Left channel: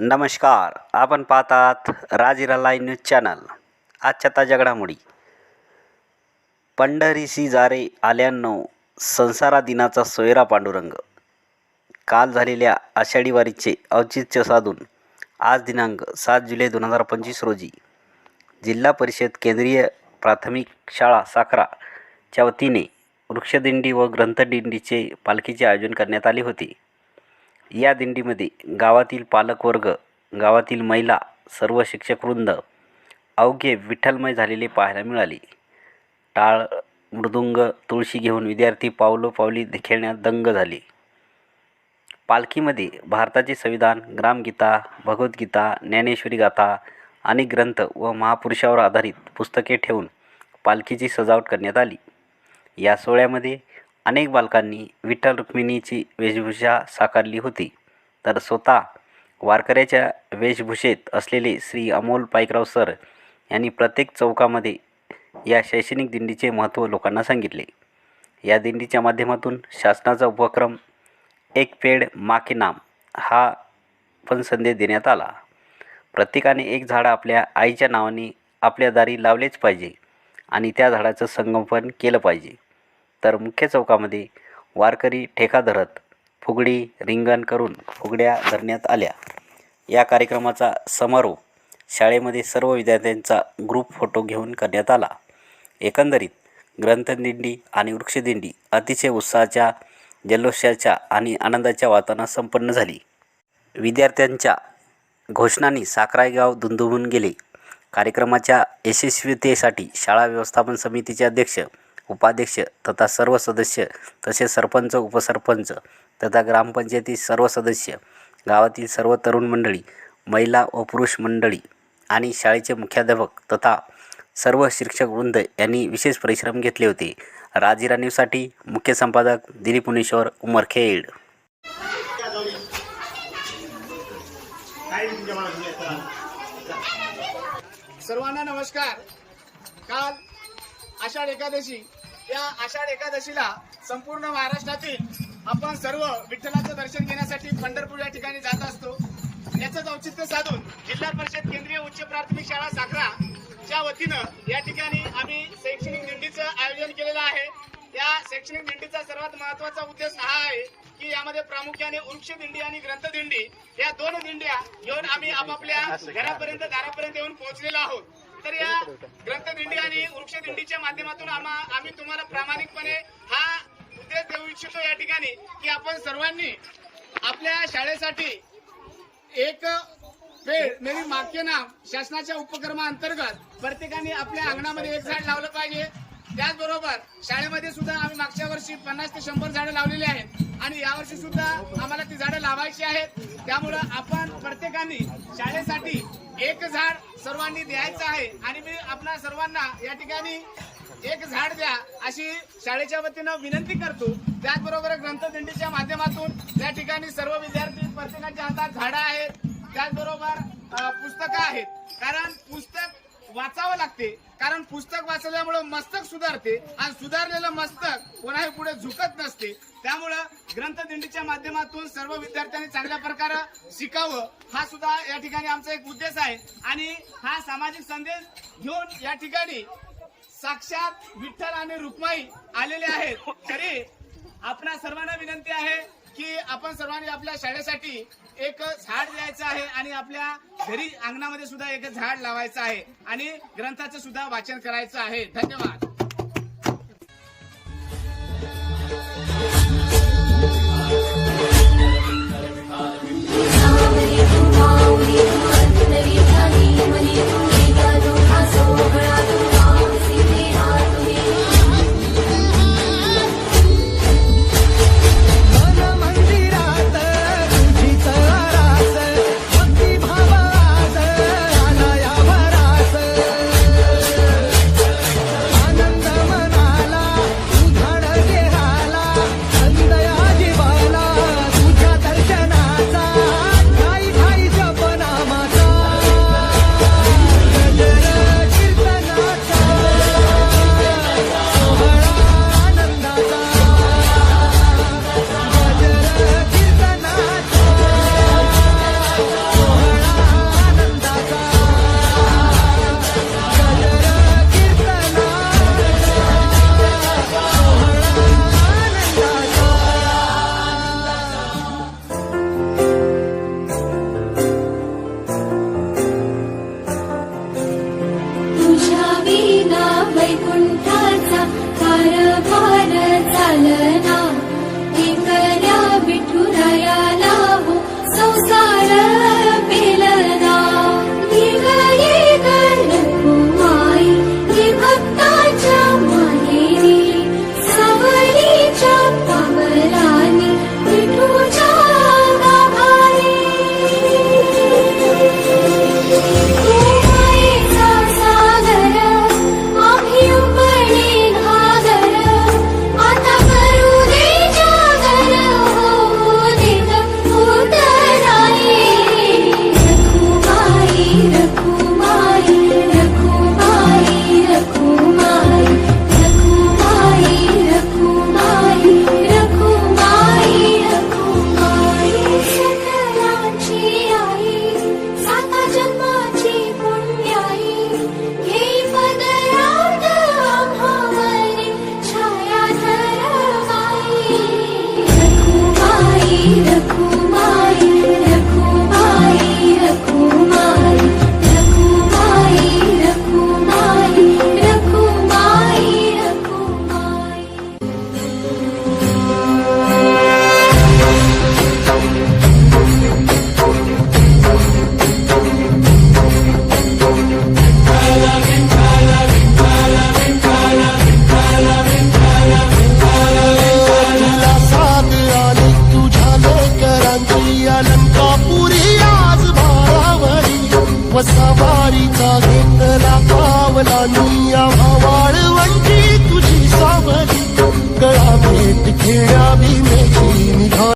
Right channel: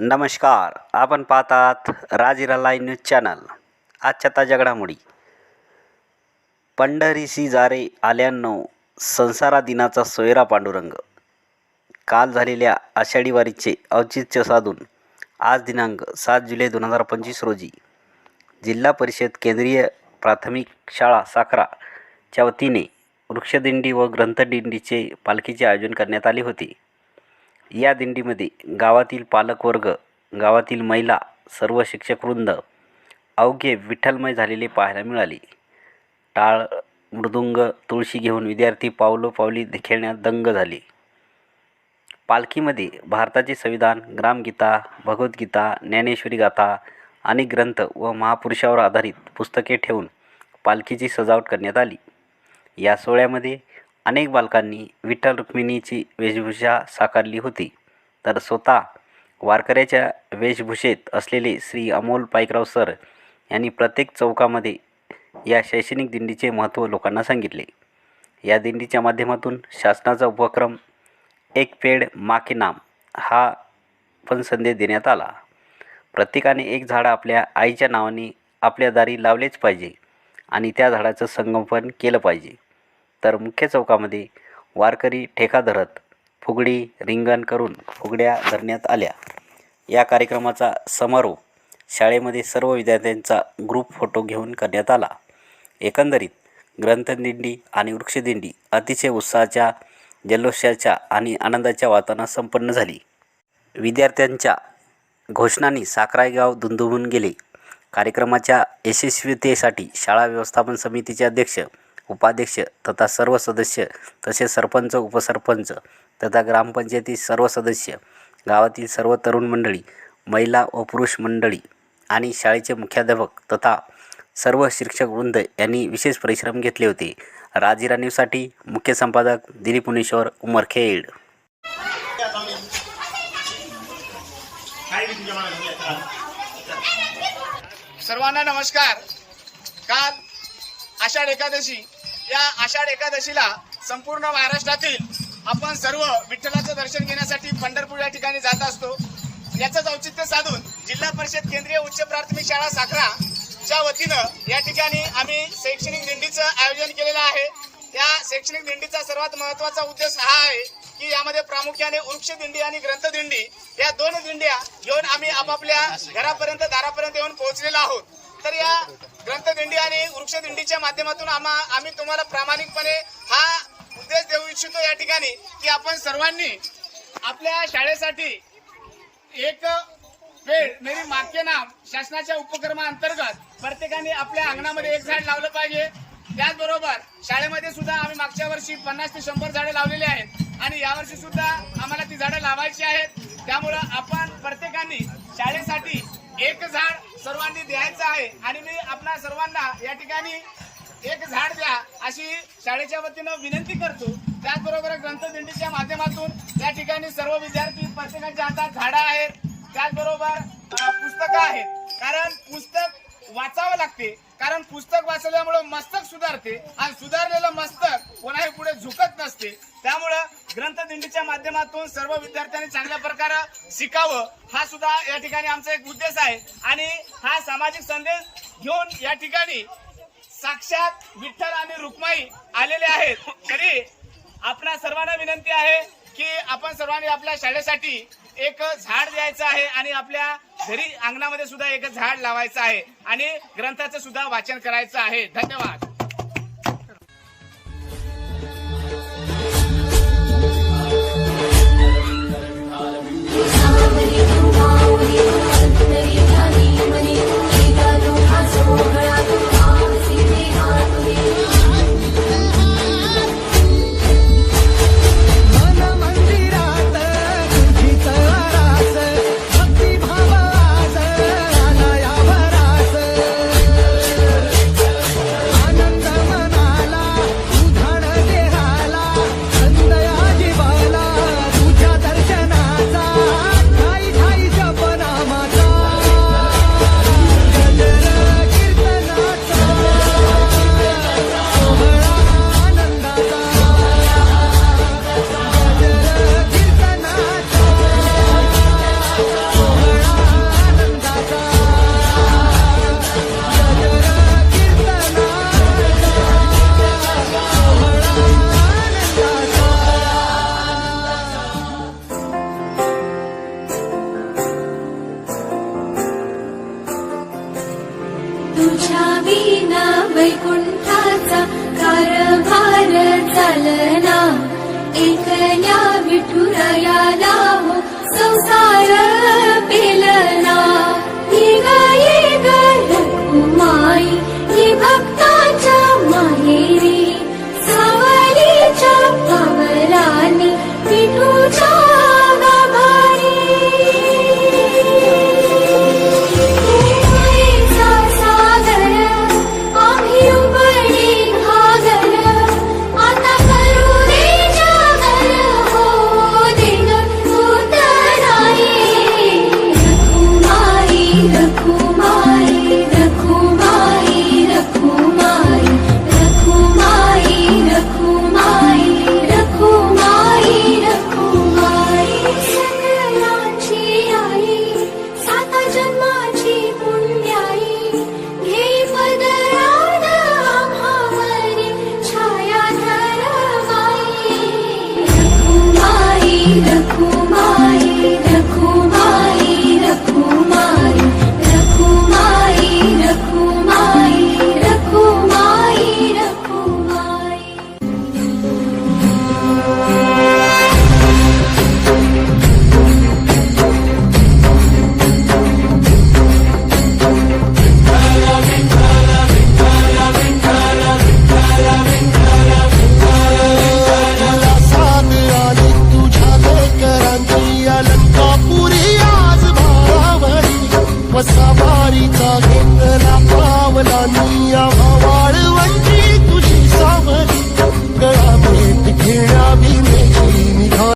नमस्कार आपण पाहतात राजिरा लाईव्ह न्यूज चॅनल. आजच्या ताज्या घडामोडी. पंढरीसी जारे आल्यानो संसारा दिनाचा सोयरा पांडुरंग. काल झालेल्या आषाढी वारीचे औचित्य साधून आज दिनांक सात जुलै दोन हजार पंचवीस रोजी जिल्हा परिषद केंद्रीय प्राथमिक शाळा साखराच्या वतीने वृक्षदिंडी व ग्रंथदिंडीचे पालखीचे आयोजन करण्यात आले होते. या दिंडीमध्ये गावातील पालकवर्ग गावातील महिला सर्व शिक्षकवृंद अवघे विठ्ठलमय झालेले पाहायला मिळाले. टाळ मृदुंग तुळशी घेऊन विद्यार्थी पावलोपावली खेळण्यात दंग झाले. पालखीमध्ये भारताचे संविधान ग्रामगीता भगवद्गीता ज्ञानेश्वरी गाथा अनेक ग्रंथ व महापुरुषावर आधारित पुस्तके ठेवून पालखीची सजावट करण्यात आली. या सोहळ्यामध्ये अनेक बालकांनी विठ्ठल रुक्मिणीची वेशभूषा साकारली होती. तर स्वतः वारकऱ्याच्या वेशभूषेत असलेले श्री अमोल पाईकराव सर यांनी प्रत्येक चौकामध्ये या शैक्षणिक दिंडीचे महत्त्व लोकांना सांगितले. या दिंडीच्या माध्यमातून शासनाचा उपक्रम एक पेड मा के नाम हा पण संदेश देण्यात आला. प्रत्येकाने एक झाड आपल्या आईच्या नावाने आपल्या दारी लावलेच पाहिजे आणि त्या झाडाचं संगोपन केलं पाहिजे. तर मुख्य चौकामध्ये वारकरी ठेका धरत फुगडी रिंगण करून फुगड्या धरण्यात आल्या. या कार्यक्रमाचा समारोप शाळेमध्ये सर्व विद्यार्थ्यांचा ग्रुप फोटो घेऊन करण्यात आला. एकंदरीत ग्रंथदिंडी आणि वृक्षदिंडी अतिशय उत्साहाच्या जल्लोषाच्या आणि आनंदाच्या वातावरणात संपन्न झाली. विद्यार्थ्यांच्या घोषणांनी साखरायगाव गाव गेले. कार्यक्रमाच्या यशस्वीतेसाठी शाळा व्यवस्थापन समितीचे अध्यक्ष उपाध्यक्ष तथा सर्व सदस्य तसेच सरपंच उपसरपंच तथा ग्रामपंचायती सर्व सदस्य गावातील सर्व तरुण मंडळी महिला व पुरुष मंडळी आणि शाळेचे मुख्याध्यापक तथा सर्व शिक्षक वृंद यांनी विशेष परिश्रम घेतले होते. राजिरा न्यूजसाठी मुख्य संपादक दिलीप उमर उमरखेड सर्वांना नमस्कार. काल आषाढ एकादशी या आषाढ एकादशीला संपूर्ण महाराष्ट्रातील आपण सर्व विठ्ठलाचं दर्शन घेण्यासाठी पंढरपूर या ठिकाणी जात असतो. याचंच औचित्य साधून जिल्हा परिषद केंद्रीय उच्च प्राथमिक शाळा साखरा च्या वतीनं या ठिकाणी आम्ही शैक्षणिक दिंडीचं आयोजन केलेलं आहे. या शैक्षणिक दिंडीचा सर्वात महत्त्वाचा उद्देश हा आहे की यामध्ये प्रामुख्याने वृक्ष दिंडी आणि ग्रंथ दिंडी या दोन दिंड्या घेऊन आम्ही आपापल्या घरापर्यंत दारापर्यंत येऊन पोहोचलेलो आहोत. तर या ग्रंथदिंडी आणि वृक्षदिंडीच्या माध्यमातून आम्हा आम्ही तुम्हाला प्रामाणिकपणे हा उद्देश देऊ इच्छितो या ठिकाणी की आपण सर्वांनी आपल्या शाळेसाठी एक पेड मेरी माके नाम शासनाच्या उपक्रमाअंतर्गत प्रत्येकाने आपल्या अंगणामध्ये एक झाड लावलं पाहिजे. त्याचबरोबर शाळेमध्ये सुद्धा आम्ही मागच्या वर्षी पन्नास ते शंभर झाडं लावलेली आहेत. आणि यावर्षी सुद्धा आम्हाला ती झाडं लावायची आहेत. त्यामुळं आपण प्रत्येकाने शाळेसाठी एक झाड सर्वांनी द्यायचं आहे. आणि मी आपणा सर्वांना या ठिकाणी एक झाड द्या अशी शाळेच्या वतीनं विनंती करतो. त्याचबरोबर ग्रंथदिंडीच्या माध्यमातून या ठिकाणी सर्व विद्यार्थी प्रत्येकाच्या हातात झाडं आहेत. त्याचबरोबर पुस्तकं आहेत. कारण पुस्तक वाचावं लागते. कारण पुस्तक वाचल्यामुळे मस्तक सुधारते आणि सुधारलेलं मस्तक कोणाही पुढे झुकत नसते. त्यामुळं ग्रंथदिंडीच्या माध्यमातून सर्व विद्यार्थ्यांनी चांगल्या प्रकारे शिकावं हा सुद्धा या ठिकाणी आमचा एक उद्देश आहे. आणि हा सामाजिक संदेश घेऊन या ठिकाणी साक्षात विठ्ठल आणि रुक्माई आलेले आहेत. तरी आपणा सर्वांना विनंती आहे की आपण सर्वांनी आपल्या शाळेसाठी एक झाड द्यायचं आहे आणि आपल्या घरी अंगणामध्ये सुद्धा एक झाड लावायचं आहे आणि ग्रंथाचं सुद्धा वाचन करायचं आहे. धन्यवाद. चालना एकल्या एकया मिठुराया संसार कापुरी आज भावारी वसावारीचा घेतला पावलानी वाळवंटी तुझी सावरी गळा भेट खेळा भीमेची निघा